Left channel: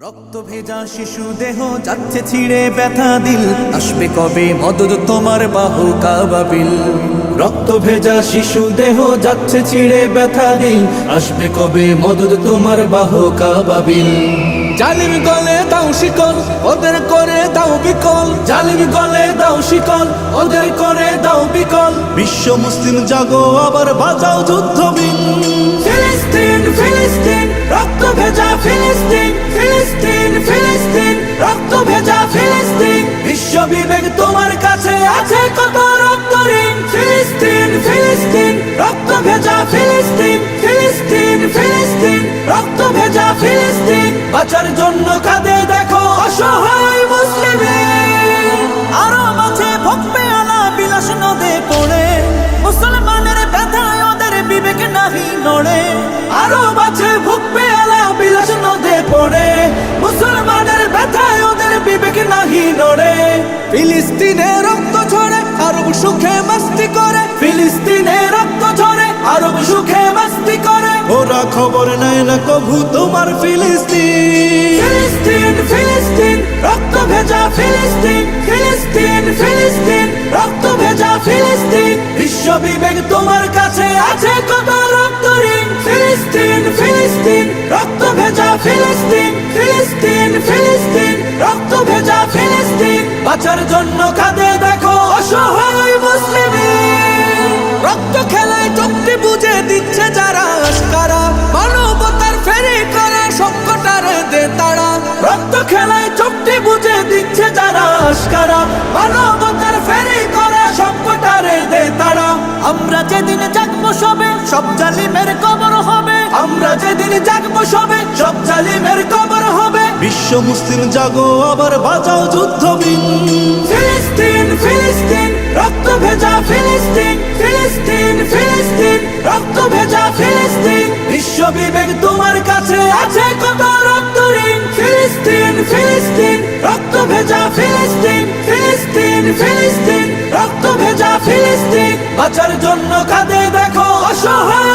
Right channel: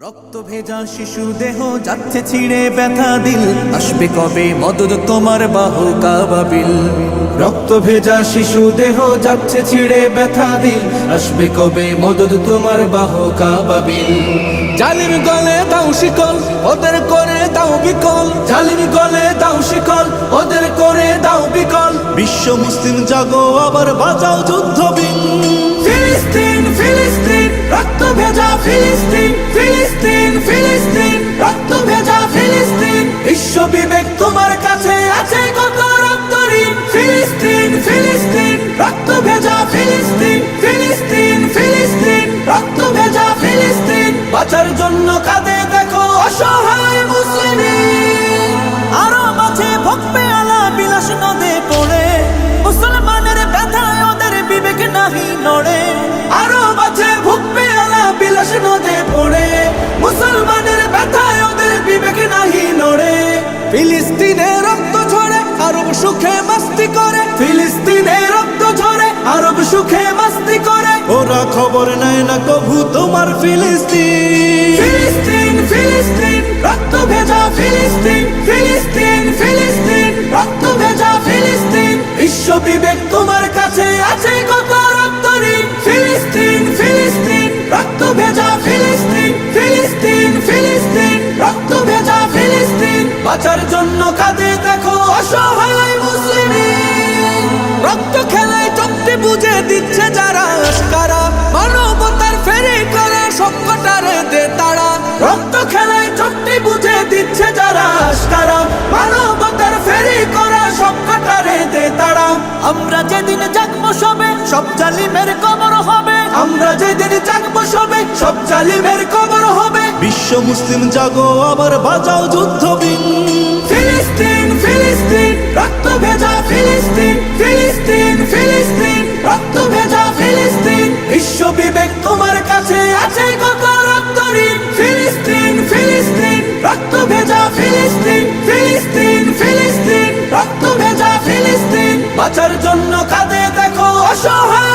রক্ত ভেজা শিশু দেহ যাচ্ছে ছিঁড়ে ব্যথা দিল, আসবে কবে মদদ তোমার বাহু কাবাবিল। রক্ত ভেজা শিশু দেহ যাচ্ছে ছিঁড়ে ব্যথা দিল, আসবে কবে মদদ তোমার বাহু কাবাবিল। জালিম গলে দাও শিকল, ওদের করে দাও বিকল। জালিম গলে দাও শিকল, ওদের করে দাও বিকল। বিশ্ব মুসলিম জাগো আবার বাজাও যুদ্ধবিন। ফিলিস্তিন ফিলিস্তিন রক্ত ভেজা ফিলিস্তিন, ফিলিস্তিন ফিলিস্তিন রক্ত ভেজা ফিলিস্তিন। বিশ্ব বিবেক তোমার কাছে আছে কত রক্ত ঋণ। ফিলিস্তিন ফিলিস্তিন রক্ত ভেজা ফিলিস্তিন, ফিলিস্তিন ফিলিস্তিন রক্ত ভেজা ফিলিস্তিন। বাঁচার জন্য কাঁদে দেখো অসহায় মুসলিম। আরো মাঝে ভোগবে আলা বিলাস নদে পড়ে, মুসলমানের ব্যথায় ওদের বিবেক নাহি নড়ে। আরো মাঝে ভোগবে আলা বিলাস নদে পড়ে, মুসলমানের ব্যথায় ওদের বিবেক নাহি নড়ে। ফিলিস্তিনে রক্ত ঝরে আরব সুখে মাস্তি করে, ফিলিস্তিনে রক্ত ঝরে আরব সুখে মাস্তি করে। ওরা খবর নেয় না কভু তোমার ফিলিস্তিন। ফিলিস্তিন ফিলিস্তিন রক্ত ভেজা ফিলিস্তিন, ফিলিস্তিন ফিলিস্তিন রক্ত ভেজা ফিলিস্তিন। বিশ্ব বিবেক তোমার কাছে আছে কত রক্ত ঋণ। ফিলিস্তিন ফিলিস্তিন রক্ত ভেজা ফিলিস্তিন, ফিলিস্তিন ফিলিস্তিন রক্ত ভেজা ফিলিস্তিন। বাঁচার জন্য কাঁদে দেখো অসহায় মুসলিম। রক্ত খেলায় চোখটি বুঝে দিচ্ছে যারা আশকারা, মানবতার ফেরি করে সবকটারে দে তারা। রক্ত খেলায় চোখটি বুঝে দিচ্ছে যারা আশকারা, মানবতার ফেরি করে সবকটারে দে তারা। আমরা যেদিন জাগবো সবে সব জালিমের কবর হবে, আমরা যেদিন জাগবো সবে সব জালিমের কবর হবে। বিশ্ব মুসলিম জাগো আবার বাজাও যুদ্ধবিন। ফিলিস্তিন ফিলিস্তিন রক্ত ভেজা ফিলিস্তিন, ফিলিস্তিন ফিলিস্তিন রক্ত ভেজা ফিলিস্তিন। বিশ্ব বিবেক তোমার কাছে আছে কত রক্ত ঋণ। ফিলিস্তিন ফিলিস্তিন রক্ত ভেজা ফিলিস্তিন, ফিলিস্তিন ফিলিস্তিন রক্ত ভেজা ফিলিস্তিন। বাঁচার জন্য কাঁদে দেখো অসহায়